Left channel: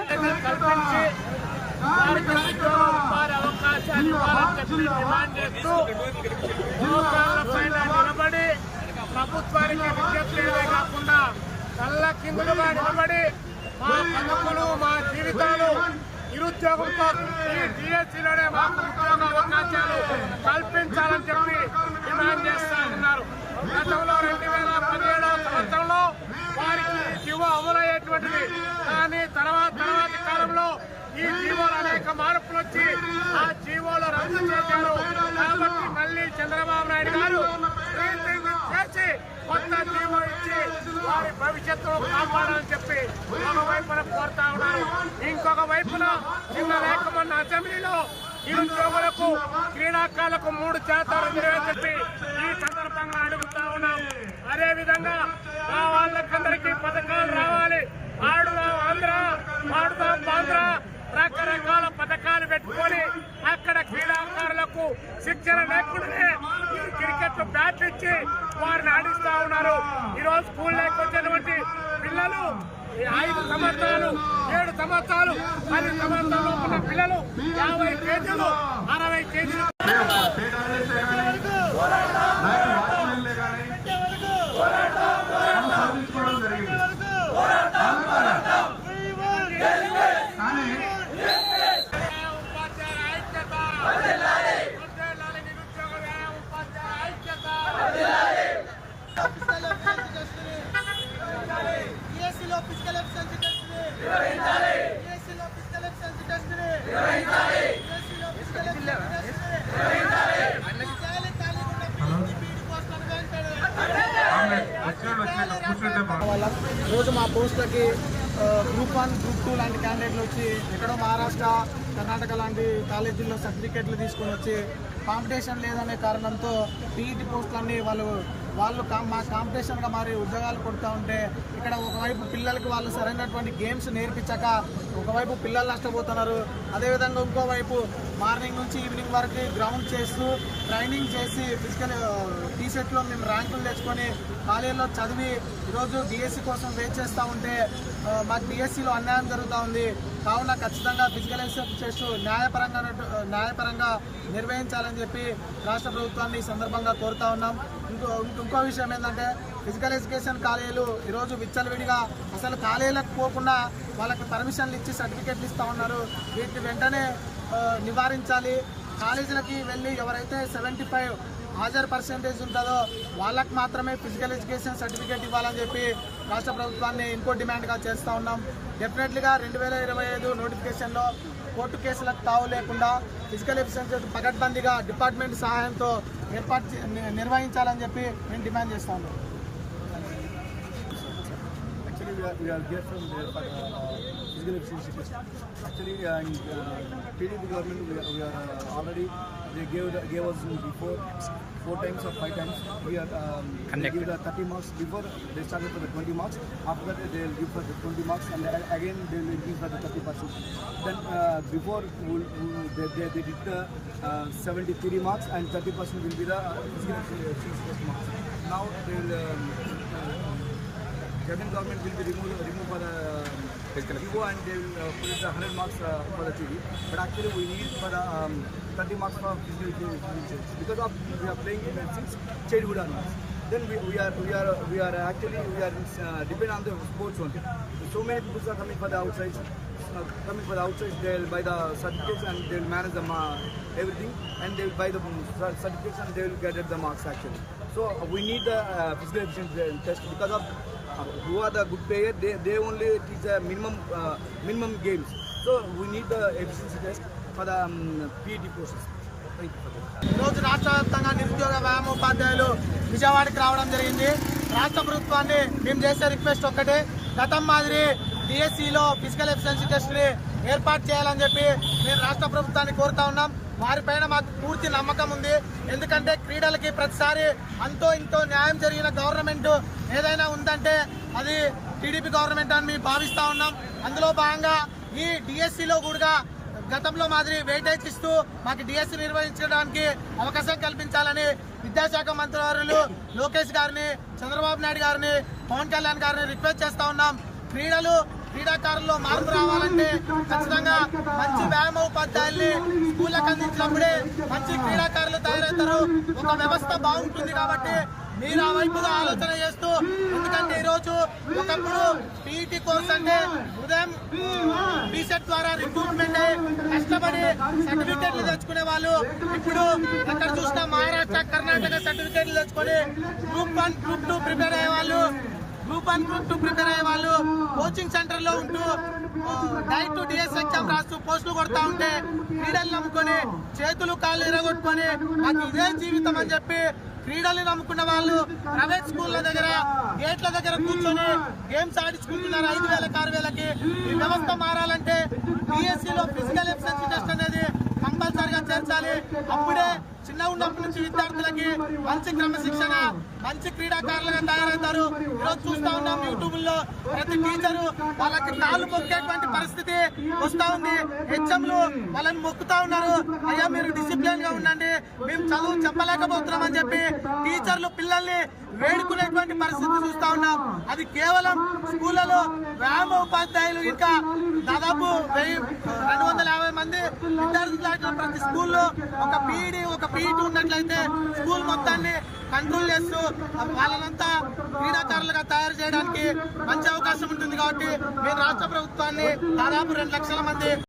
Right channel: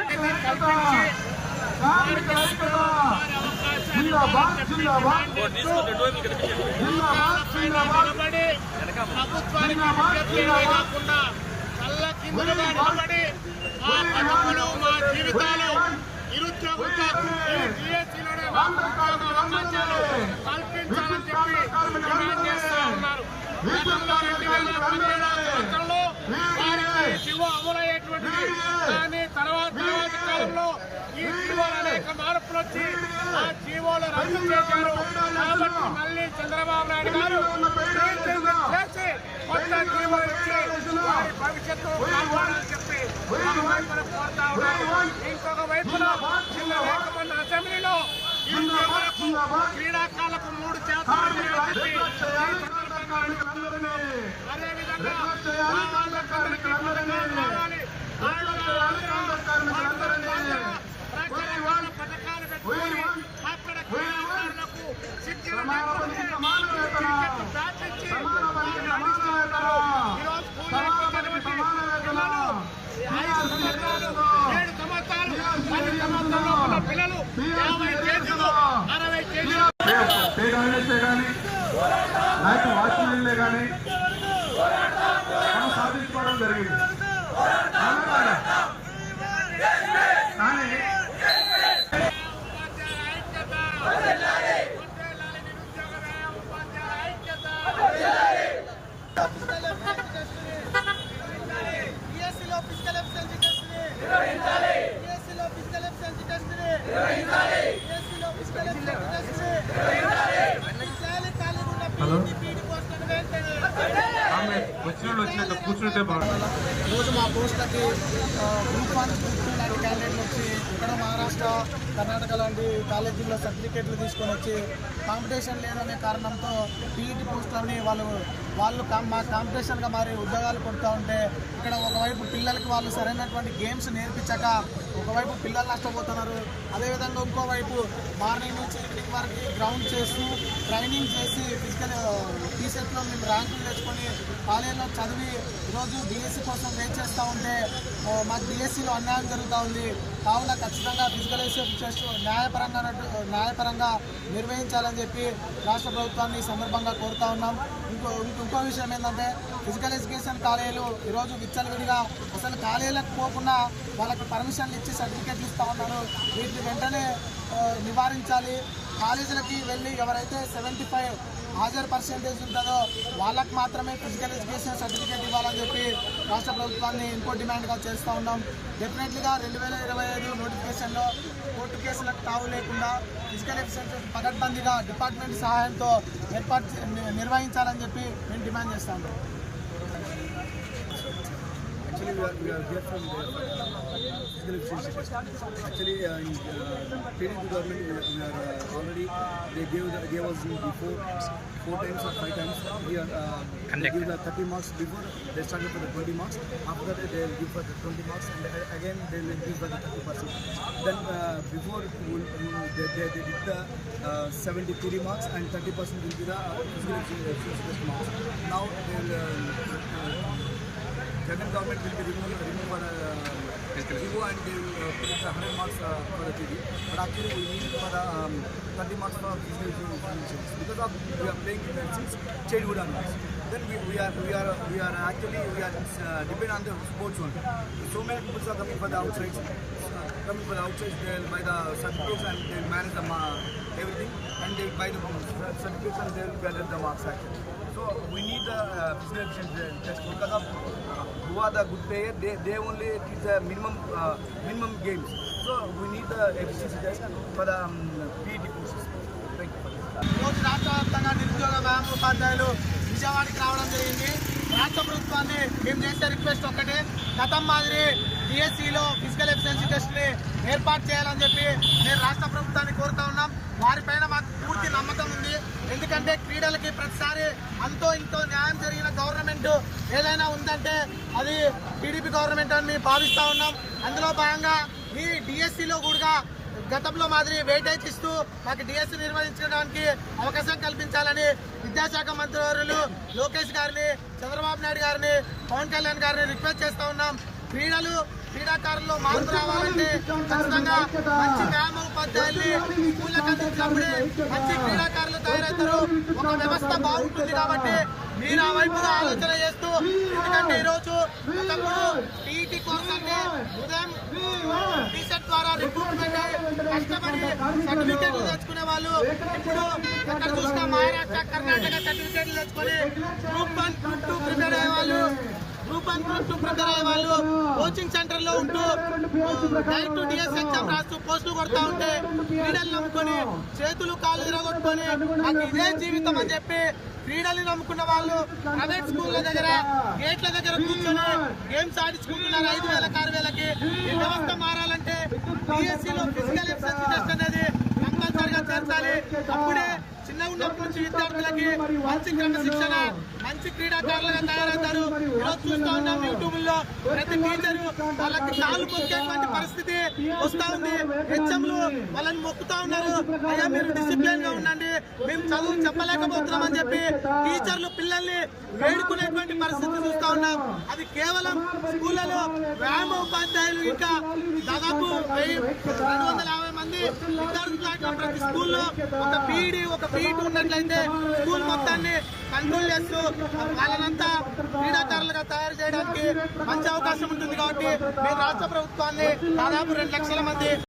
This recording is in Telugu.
వెంటనే కల్పించి వారికి వారి అవకాశాలు ఇవ్వాలని చెప్పి డిమాండ్ చేస్తూ నిలబడి ప్రభుత్వానికి విజ్ఞప్తిగా కాకుండా కళ్ళ కిందులుగా నిలబడి మా బతుకులు మా జీవితాలు నిరుద్యోగులతో ఈ డిఎస్సీలోనే మాకు ఉద్యోగ అవకాశాలు కల్పించాలని చెప్పి డిమాండ్ చేస్తూ ఉన్నారు గతంలో రెండు వేల పదిహేడవ సంవత్సరంలో వారికి శివ అమలయ్య అమలయ్యేటువంటిది కానీ తర్వాత తర్వాత కాలంలో ఈ జీవోలు అనేక మార్పులు వచ్చి ఆ జీవోలు రద్దు చేశారు. కాబట్టి మళ్ళీ చంద్రబాబు నాయుడు గారు చేసి కొత్త జీవో ఇచ్చి వారి భవిష్యత్తు కాపాడాలని చెప్పి ఒక వైపున కోరుతా ఉన్నారు. ఇంకొక వైపున చిన్న లేక మొన్న అసెంబ్లీలో నిరుద్యోగులకు క్రీడాకారులకు మూడు శాతం రిజర్వేషన్ ఈ సందర్భంగా అడుగుతా ఉన్నాం. అదే రకరకాల పథకాలు పెట్టుకొని అక్కడ క్రీడాకారులకు శిక్షణ లేకుండానే క్రికెట్ బ్యాట్ ఇచ్చి వారిని ఆడిస్తా ఉన్నారు. ఈరోజు స్కూల్ లేకపోతే పిల్లలు ఐదు సంవత్సరాలు ఏడు సంవత్సరాలు పది సంవత్సరాలు ఉన్న పిల్లలు యాభై కేజీలు అరవై కేజీలు ఉపాధ్యాయ ఐక్యత వర్ధిల్లాలి నిరుద్యోగ వ్యయ ఉపాధ్యాయ ఐక్యత బిఎస్సీలో ఫిజికల్ ఎఫిషియన్సీ టెస్ట్ బిఎస్సీలో ఫిజికల్ ఎఫిషియన్సీ టెస్ట్ బిఎస్సీలో ఫిజికల్ ఎఫిషియన్సీ టెస్ట్ ఖాళీ ఖాళీ ఉన్న పీఈటీ పీఈటీ పోస్టులను వెంటనే వాళ్ళం ఈరోజు మా పోస్టులకి గ్రూప్ వన్ గ్రూప్ టూ లాంటి క్యాండిడేట్లు వచ్చి ఎక్కడో మహారాష్ట్ర కర్ణాటక లాంటి కాలేజీల్లో సర్టిఫికేట్లు తీసుకొని వచ్చి కాంపిటీషన్ లేదనే కారణంతో పీఈటీ పోస్టులన్నీ వాళ్ళు వాళ్ళు కాం- మా కాంపిటీషన్గా మారి ఉద్యోగాలు కొడుతూ ఉంటే ఇక్కడ ఒకవైపు పిల్లలకి వాళ్ళు సరైనటువంటి గేమ్స్ నేర్పించక ఒకవైపు పిల్లలు నష్టపోతున్నారు. అదేవిధంగా ఇంకోవైపు మార్నింగ్ నుంచి ఈవినింగ్ వరకు గ్రౌండ్ చేస్తూ ట్రైనింగ్ చేసి ఫిజికల్ టీసెట్లో మేము ర్యాంకులు తెచ్చుకొని కాలేజీలో చదివి ఈరోజు డిఎస్సి కోసం వెయిట్ చేస్తూ ఉంటే మాకు డిఎస్సిలో అన్యాయం జరుగుతూ ఉంది. కావున ఖచ్చితంగా ఫిజికల్ ఎడ్యుకేషన్ టెస్ట్ న్యాయపరంగా న్యాయపరంగా నిర్వహించాలని చెప్పి రాష్ట్ర ప్రభుత్వాన్ని ఈ సందర్భంగా కోరుతా ఉన్నాం. ఇంకో ఇంకో- విషయం ఏంటంటే ఫిజికల్ ఎడ్యుకేషన్ కాలేజీలు ఈరోజు విచ్చలవిడిగా అసలు కాలేజీలకు పోకుండా వాళ్ళకి పర్మిషన్లు ఇచ్చి సర్టిఫికెట్లు ఇస్తూ ఉన్నారు. వీటిని వెంటనే నివారించాలి. కాలేజీలకి వెళ్ళి ఎవరైతే సెవెంటీ ఫైవ్ హాజరు పర్సెంటేజ్ ఉంటుందో వాళ్ళకు మాత్రమే ఫిజికల్ ఎడ్యుకేషన్ సర్టిఫికేట్ ఇవ్వాలని చెప్పి రాష్ట్ర ప్రభుత్వాన్ని ఇంకో డిమాండ్గా చేస్తూ ఉన్నాం. డెఫినెట్లీగా రెండు వేల ఇరవై ఐదు నోటిఫికేషన్లో కోర్టు కేసులకు తావు లేకుండా ఫిజికల్ ఎఫిషియన్సీ పకడ్బందీగా డిపార్ట్మెంట్ సహాయంతో ఏర్పాటు చే- నిర్వహించాలని చెప్పి మేము డిమాండ్ చేస్తూ ఉన్నాం. Actually, we are, we are here from uh, physical efficiency test. Actually, uh, in uh, PDP government, we are, we are uh, already they gave the, gave us before four times or five times. We are um, they give the 30 marks before they started for the 20 marks. After that, they will give for the 20 marks, and again they will increase for the 30 percent. Then uh, before we'll, we'll, they, they, they did the uh, 73 marks, and 30 percent will be the uh, physical efficiency test marks. Now they will. Um, Jagan government will be removed, remove for the um, Vivo and they will uh, put the 100 marks uh, for the TV. But actually we need for the um, 30 marks for physical education because of we are playing it since childhood onwards. Then we, we are we are we are actually we are uh, depend on the sports only. So many people are coming for the outside. Uh, coming for the outside, they'll buy the certificates and they'll manage the ma- everything, and they'll buy the um, certificates and they'll get the marks actually. So uh, we need the uh, physical efficiency test because of uh, who are the good player. They, they only teach the minimum uh, minimum games. So we need the efficiency test for the um, PET courses. Thank you for this. ఈరోజు రాష్ట్ర వ్యాప్తంగా నిరుద్యోగ వ్యాయామోపాధ్యాయులు విజయవాడకి రావడం జరిగింది. రాష్ట్ర ప్రభుత్వాన్ని మేము చేసే రిక్వెస్ట్ ఒక్కటే. గతం మాదిరి డిఎస్సిలో ఫిజికల్ ఎఫిషియన్సీ టెస్ట్ని ఏర్పాటు చేయాలని చెప్పి మేము రాష్ట్ర ప్రభుత్వాన్ని కోరుతా ఉన్నాం. వారిపైన మాకు పూర్తి నమ్మకం ఉంది. ఎందుకంటే క్రీడలకి ప్రతిసారి అంతో ఇంతో న్యాయం జరిగిన గవర్నమెంట్ ఏదైనా ఉందంటే అది టీడీపీ గవర్నమెంట్ అని మేము భావిస్తూ ఉన్నాం. అందులో భాగంగా ఈ డిఎస్సిలో కూడా గతంలో మాదిరి వెయిటేజ్ ఇస్తూ మాకు డిఎస్సి నిర్వహించడానికి అవకాశం కల్పించాలని విద్యాశాఖ మంత్రివర్యులు లోకేష్ గారిని చంద్రబాబు నాయుడు గారిని పవన్ కళ్యాణ్ గారిని రిక్వెస్ట్ చేస్తా ఉన్నాం. క్రీడలు క్రీడాకారుల్లో మార్పు రావాలంటే ఖచ్చితంగా మంచి వ్యాయామ ఉపాధ్యాయుల్ని స్కూళ్ళకి అందించినప్పుడే మంచి క్రీడాకారులు తయారవుతారు. ఒక వ్యవస్థ బాగుంటుంది కాబట్టి మీరు ఆ వైపుగా ఆలోచన చేస్తూ ఎందుకంటే ఈరోజు ఒకప్పుడు పీఈటీ కోర్స్ అంటే ఉదయం టీషర్ట్ ద్వారా రిక్రూట్మెంట్ అయ్యి కష్టపడి సర్టిఫికేట్లు తెచ్చుకునే వాళ్ళు ఇప్పుడు ఎక్కడ చూసినా మహారాష్ట్ర కర్ణాటక సర్టిఫికేట్లు తెచ్చుకొని group one group two prepare అయ్యే వాళ్ళు గ్రూప్ టూ ప్రిపేర్ అయ్యే వాళ్ళు కోచింగ్ సెంటర్లో ఉంటూ డైరెక్ట్ టు డిఎస్ ఎగ్జామ్ రాస్తూ పోస్టులు కొడతా ఉంటే క్రీడలు నమ్ముకొని చేతులు కాళ్ళు ఇరగొట్టుకొని నాకు ఇదే జీవితం అని చెప్పి క్రీడలు నమ్ముకున్న వాళ్ళు ప్రైవేట్ స్కూళ్ళ దగ్గర గేట్ల దగ్గర కూర్చొని గేమ్స్ ఆడించుకుంటున్నారు ఐదు వేలకు ఆరు వేలకి. ఈ వ్యవస్థ మారాలంటే BSc లో ఫిజికల్ ఎఫిషియన్సీ టెస్ట్ అనేది కంపల్సరిగా చేర్చాలి. అప్పుడే చిన్న ఉన్నప్పటి నుంచి విద్యార్థులకి మంచి క్రమశిక్షణ మంచి క్రీడాకారులుగా తయారవుతారు. ఈరోజు చూస్తా ఉన్నాం యూట్యూబ్లో ప్రతి టీచరు వాళ్ళకి కాళ్ళు మొక్కేటువంటి పరిస్థితి వస్తా ఉంది. హెచ్ఎంలు వాళ్ళని మొక్కుతా ఉన్నారు. అయ్యా మీరు డిసిప్లిన్గా ఉండండి. మేము చదువు చెప్పలేకపోతున్నాం అని చెప్పి టీచర్లు పిల్లల్ని వేడుకునేటువంటి పరిస్థితి చూస్తా ఉన్నాం. అది కేవలం స్కూళ్ళలో వ్యాయామ ఉపాధ్యాయులు ఇంకా దాదాపు రెండు వందల యాభై మంది విద్యార్థులు ప్రతి స్కూల్లో ఒక పీఈడి ఒక పీఈటీ ఉన్నట్లయితే స్కూల్ మొత్తాన్ని కంట్రోల్ చేస్తూ వాళ్ళనంతా క్రీడాకారులుగా తయారు చేయడానికి మంచి అవకాశం ఉంటుంది కాబట్టి మేము రాష్ట్ర ప్రభుత్వాన్ని దాదాపు రెండు లక్షల మంది